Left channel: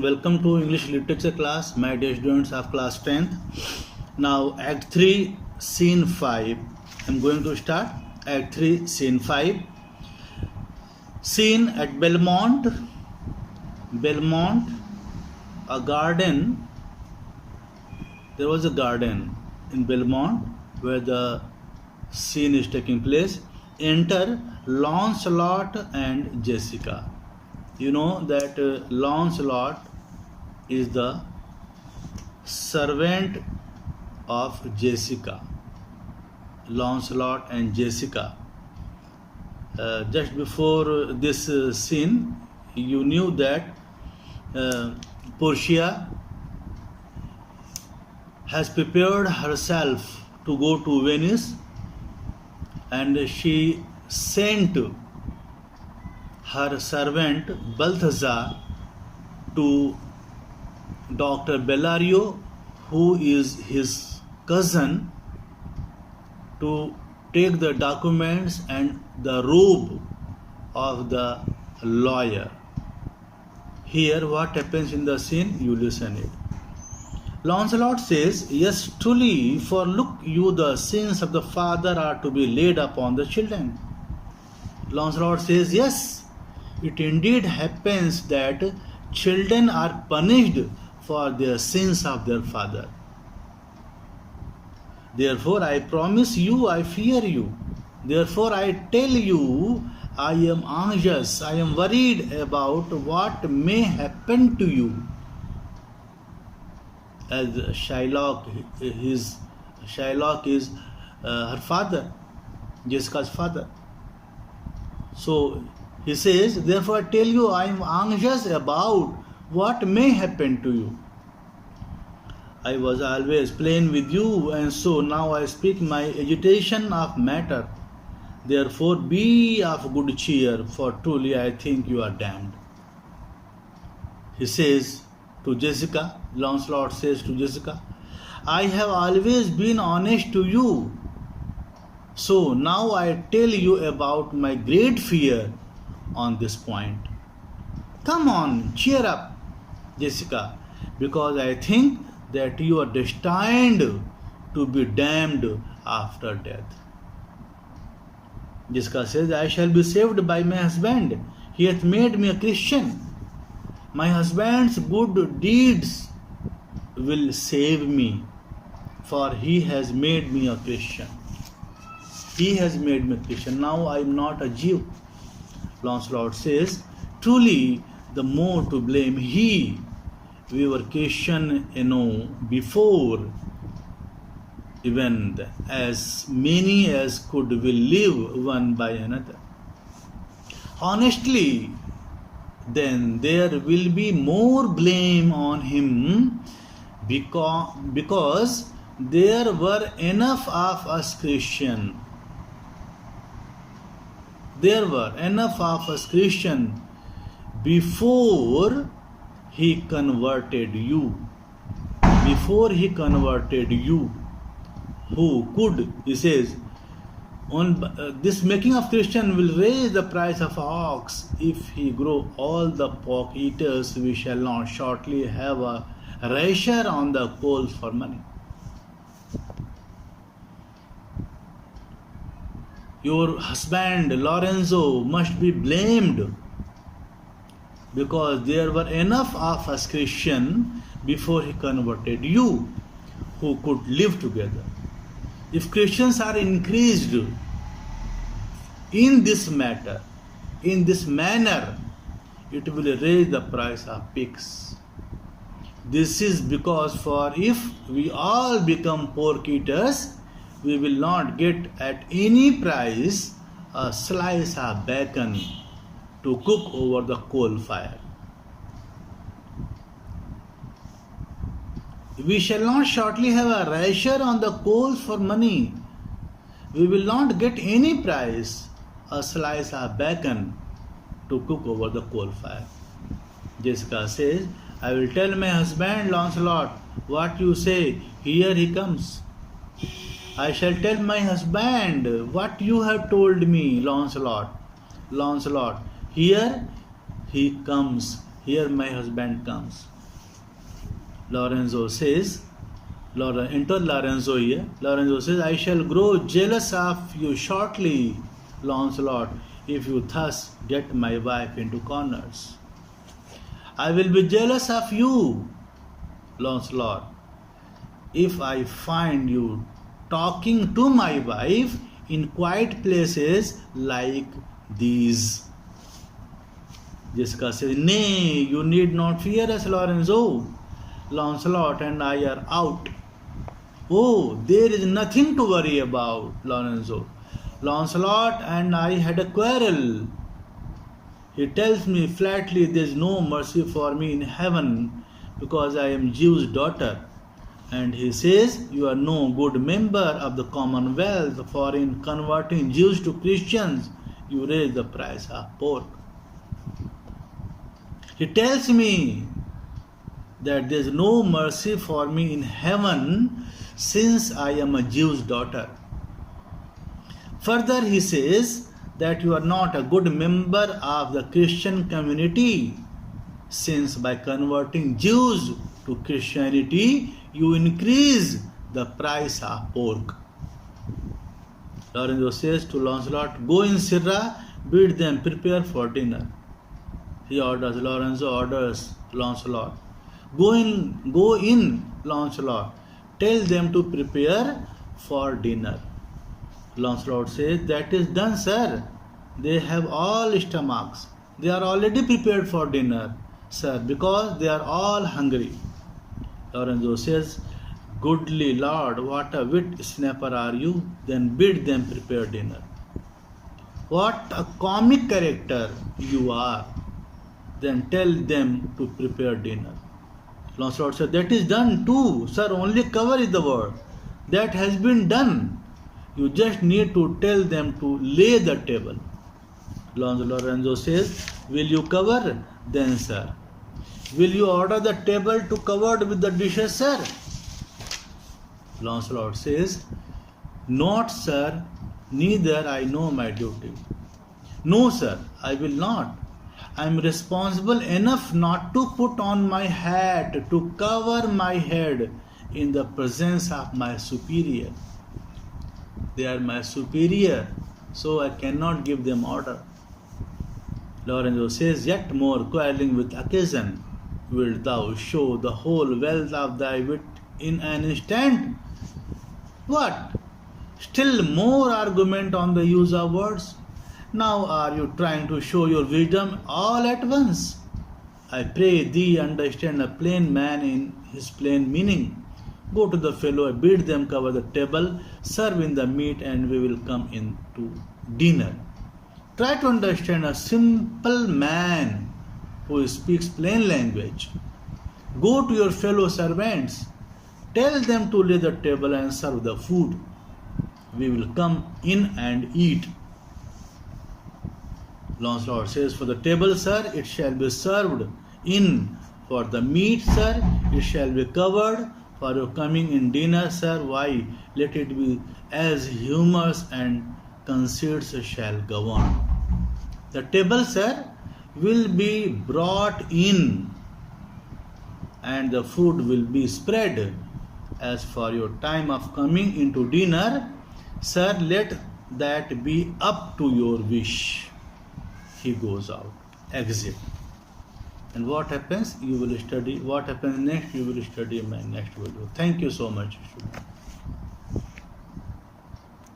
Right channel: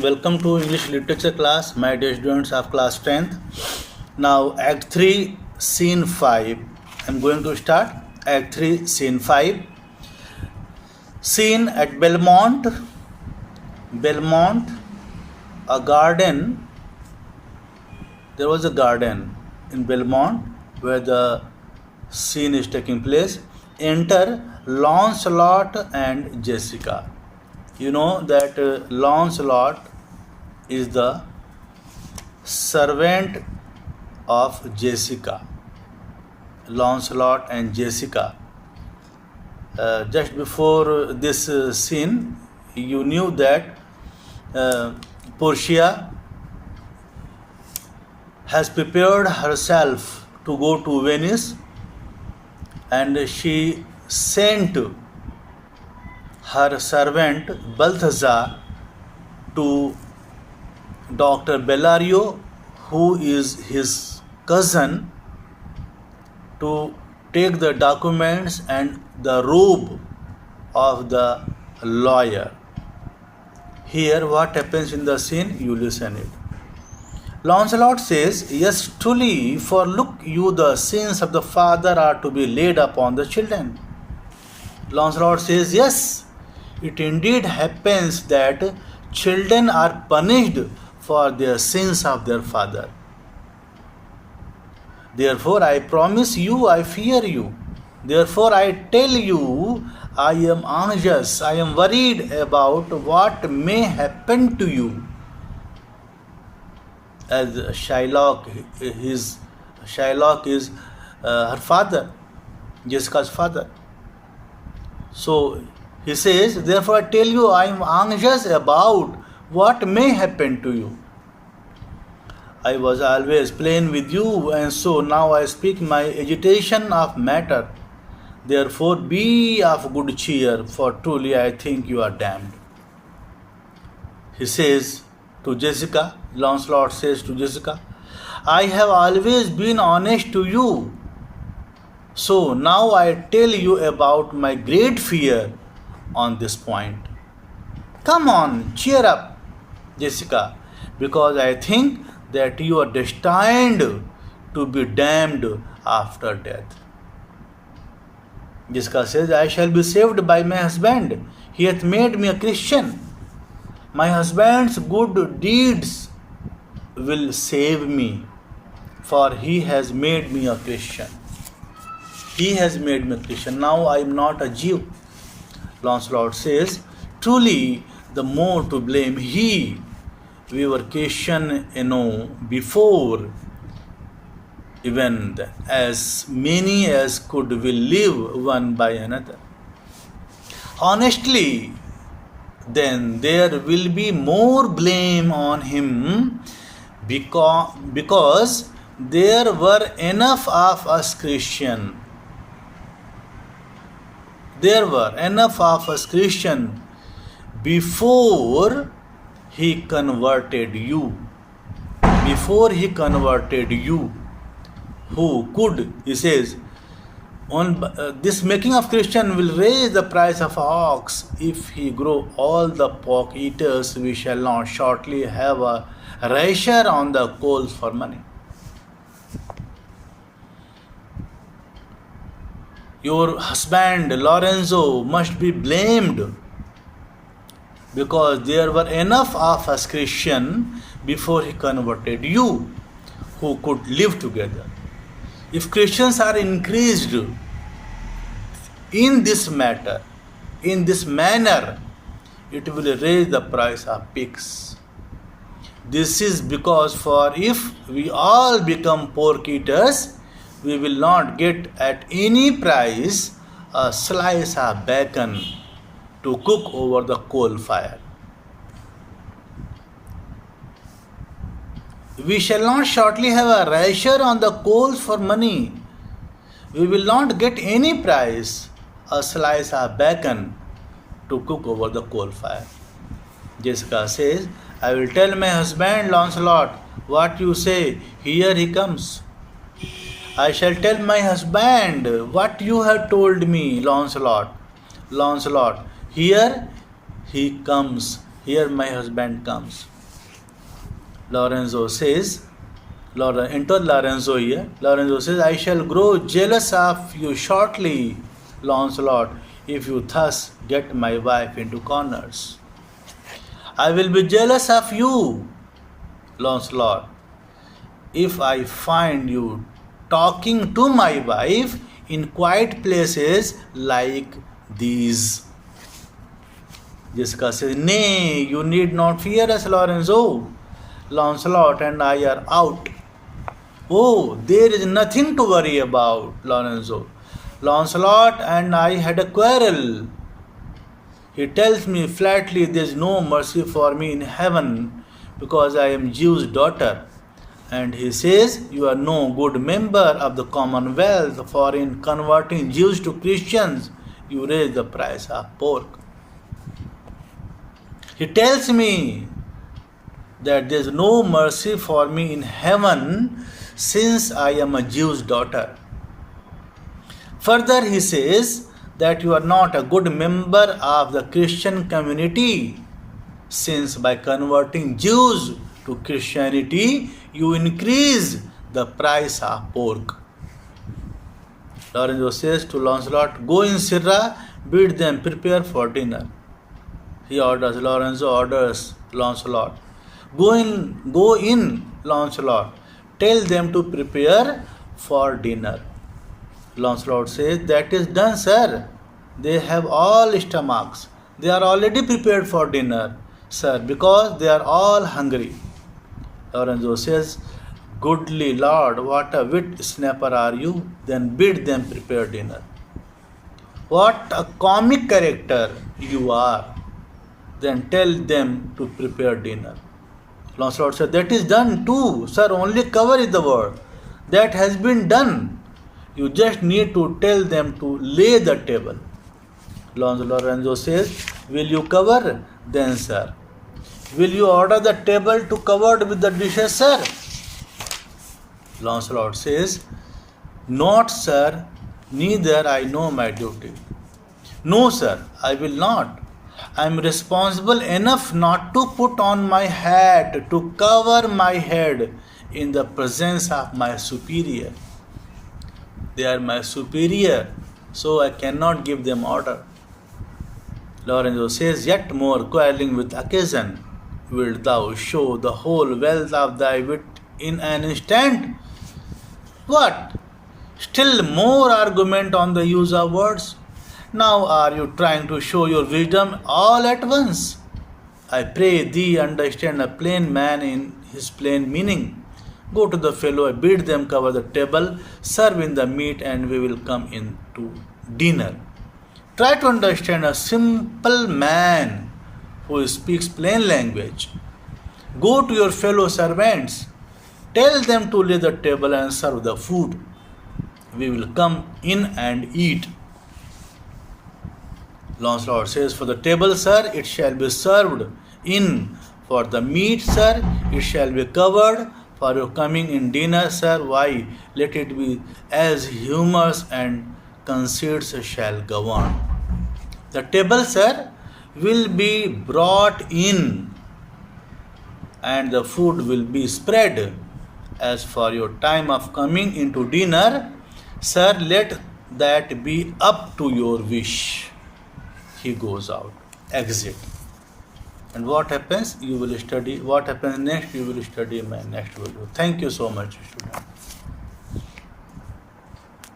Welcome to English literature class, my dear students of class 10th. Now, Act 3, Scene 5. I'm going to start Act 3, Scene 5. Scene at Belmont. Belmont, a garden. There was a garden in Belmont where the scene is taking place. Enter Lancelot and Jessica. You know that Lancelot is the servant of Jessica. Lancelot and Jessica. Just before this scene, you knew that Portia has prepared herself to go to Venice, and she sent her servant Balthazar to Dr. Bellario, who is his cousin, to take the documents and the robe of the lawyer. Here, what happens in the scene? You listen it. Lancelot says, "Yes, truly, for look you, the sins of the father are to be laid upon the children." Lancelot says, "Yes, it indeed happens that children are punished for their sins of their father. Therefore, I promise you, I fear you. Therefore, I tell you, I am anxious, I am worried about what may happen to you." As Shylock is her father, Jessica's father. So he says, "Therefore, I tell you, I am anxious about what may happen to you. I was always plain with you, and so now I speak my agitation of matter. Therefore, be of good cheer, for truly I think you are damned." He says to Jessica, Lancelot says to Jessica, "I have always been honest to you. So now I tell you about my great fear on this point. Come on, cheer up, Jessica, because I think that you are destined to be damned after death." Jessica says, "I shall be saved by my husband. He hath made me a Christian. My husband's good deeds will save me, for he has made me a Christian. He has made me a Christian. Now I am not a Jew." Lancelot says, "Truly, the more to blame he. We were Christian, before even as many as could will live one by another. Honestly, then there will be more blame on him because there were enough of us Christian. There were enough of us Christian before he converted you. Before he converted you, who could," he says, "this making of Christian will raise the price of ox. If he grow all the pork eaters, we shall not shortly have a rasher on the coals for money. Your husband Lorenzo must be blamed because there were enough of us Christian before he converted you who could live together. If Christians are increased in this matter, in this manner, it will raise the price of pigs. This is because, for if we all become pork eaters, we will not get at any price a slice of bacon to cook over the coal fire. We shall not shortly have a rasher on the coals for money. We will not get any price a slice of bacon to cook over the coal fire." Jessica says, "I will tell my husband Lancelot what you say. Here he comes." "I shall tell my husband what you have told me, Lancelot. Lancelot, here he comes." Here my husband comes. Lorenzo says, enter Lorenzo here. Lorenzo says, I shall grow jealous of you shortly, Lancelot, if you thus get my wife into corners. I will be jealous of you, Lancelot, if I find you talking to my wife in quiet places like these. Jessica says, nay, you need not fear us, Lorenzo. Lancelot and I are out. Oh, there is nothing to worry about, Lorenzo. Lancelot and I had a quarrel. He tells me flatly there is no mercy for me in heaven because I am Zeus' daughter. And he says, you are no good member of the Commonwealth, for in converting Jews to Christians, you raise the price of pork. He tells me that there is no mercy for me in heaven since I am a Jew's daughter. Further, he says that you are not a good member of the Christian community, since by converting Jews to Christianity, you increase the price of pork. Lorenzo says to Lancelot, go in Sirra, bid them prepare for dinner. He orders, Lorenzo orders Lancelot, go in, Lancelot, tell them to prepare for dinner. Lancelot says, that is done, sir. They have all stomachs. They are already prepared for dinner, sir, because they are all hungry. Lorenzo says, goodly lord, what a wit snapper are you? Then bid them prepare dinner. What a comic character you are. Then tell them to prepare dinner. Lancelot said, that is done too, sir, only cover is the word. That has been done. You just need to tell them to lay the table. Lorenzo says, will you cover? Then, sir. Will you order the table to covered with the dishes, sir? Lancelot says, not, sir, neither I know my duty. No, sir, I will not. I am responsible enough not to put on my hat to cover my head in the presence of my superior. They are my superior, so I cannot give them order. Lorenzo says, yet more quarreling with occasion, wilt thou show the whole wealth of thy wit in an instant? What? Still more argument on the use of words? Now are you trying to show your wisdom all at once? I pray thee understand a plain man in his plain meaning. Go to the fellow, bid them cover the table, serve in the meat, and we will come in to dinner. Try to understand a simple man who speaks plain language. Go to your fellow servants, tell them to lay the table and serve the food. We will come in and eat. Lancelot says, for the table, sir, it shall be served in. For the meat, sir, it shall be covered. For your coming in dinner, sir, why, let it be as humors and conceits shall govern. The table, sir, will be brought in, and the food will be spread. As for your time of coming into dinner, sir, let that be up to your wish. He goes out, exit. And what happens? You will study. What happens next? You will study in my next video. Thank you so much, students.